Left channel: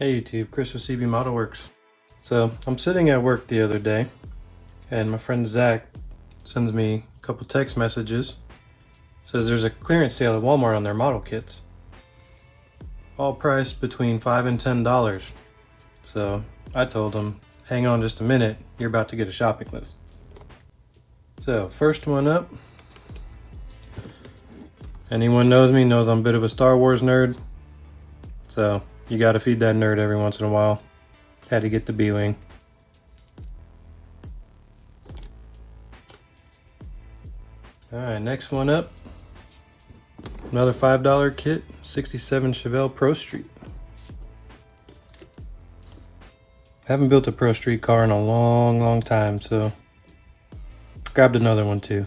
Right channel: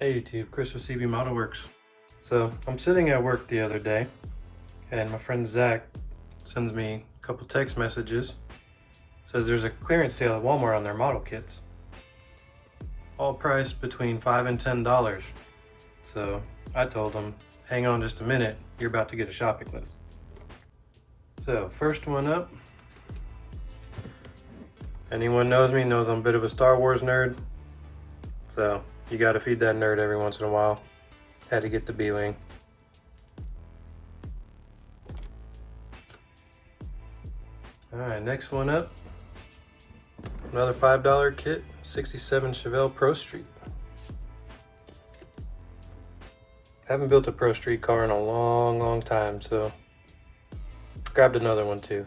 Hey YouTube, Chris with CB Model Works. So I'm sitting at work the other day and my friend Zach sends me a couple text messages. Says there's a clearance sale at Walmart on their model kits. All priced between $5 and $10. So I told him, hang on just a minute, you're about to get a shopping list. So first one up. Anyone knows me knows I'm a bit of a Star Wars nerd. So you gotta feed that nerd every once in a while. Had to get the B-Wing. Alright, next one up. Another $5 kit, 67 Chevelle Pro Street. Haven't built a Pro Street car in a long time, so grabbed another one too.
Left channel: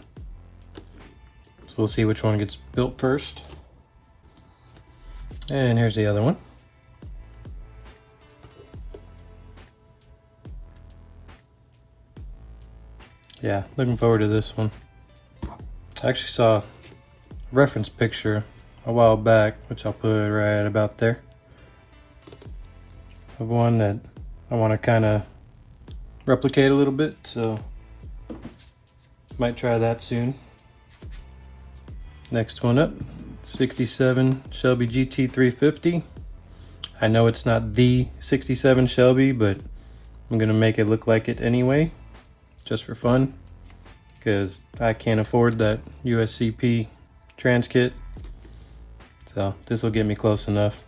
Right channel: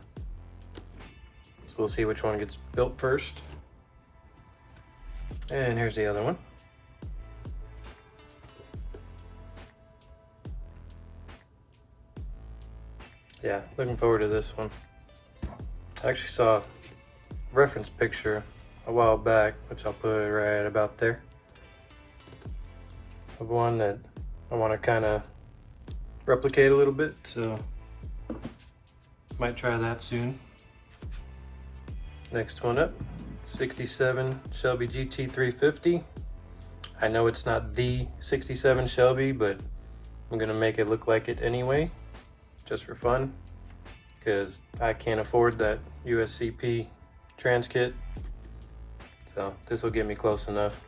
So we'll see which one gets built first. And here's the other one. Yeah, looking forward to this one. I actually saw a reference picture a while back, which I'll put right about there, of one that I want to kind of replicate a little bit, so might try that soon. Next one up, 67 Shelby GT350. I know it's not the 67 Shelby, but I'm gonna make it look like it anyway, just for fun, because I can't afford that USCP trans kit. So this will get me close enough.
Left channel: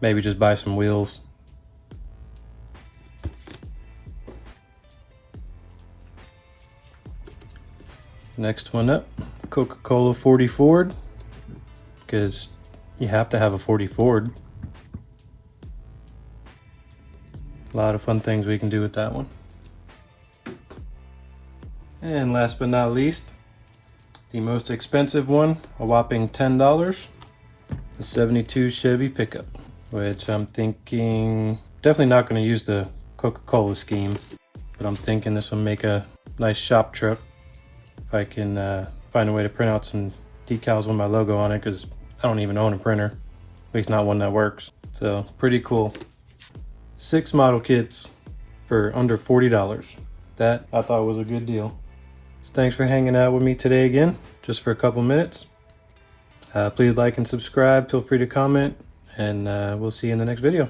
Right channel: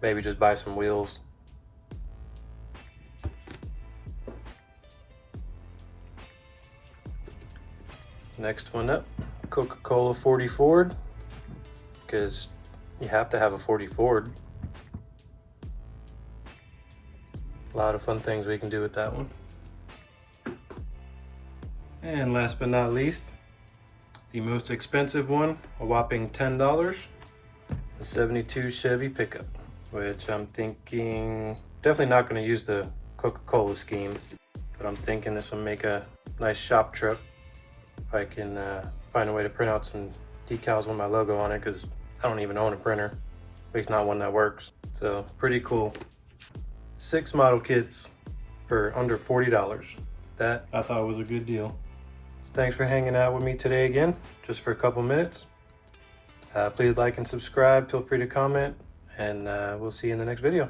Maybe just buy some wheels. Next one up, Coca-Cola 40 Ford, because you have to have a 40 Ford. A lot of fun things we can do with that one. And last but not least, the most expensive one, a whopping $10, the 72 Chevy pickup, which I'm thinking, definitely not going to use the Coca-Cola scheme, but I'm thinking this will make a nice shop truck. If I can find a way to print out some decals with my logo on it, because I don't even own a printer, at least not one that works. So pretty cool. 6 model kits for under $40. That I thought was a good deal. So thanks for hanging out with me today again, just for a couple minutes. Please like and subscribe, feel free to comment, and we'll see you in the next video.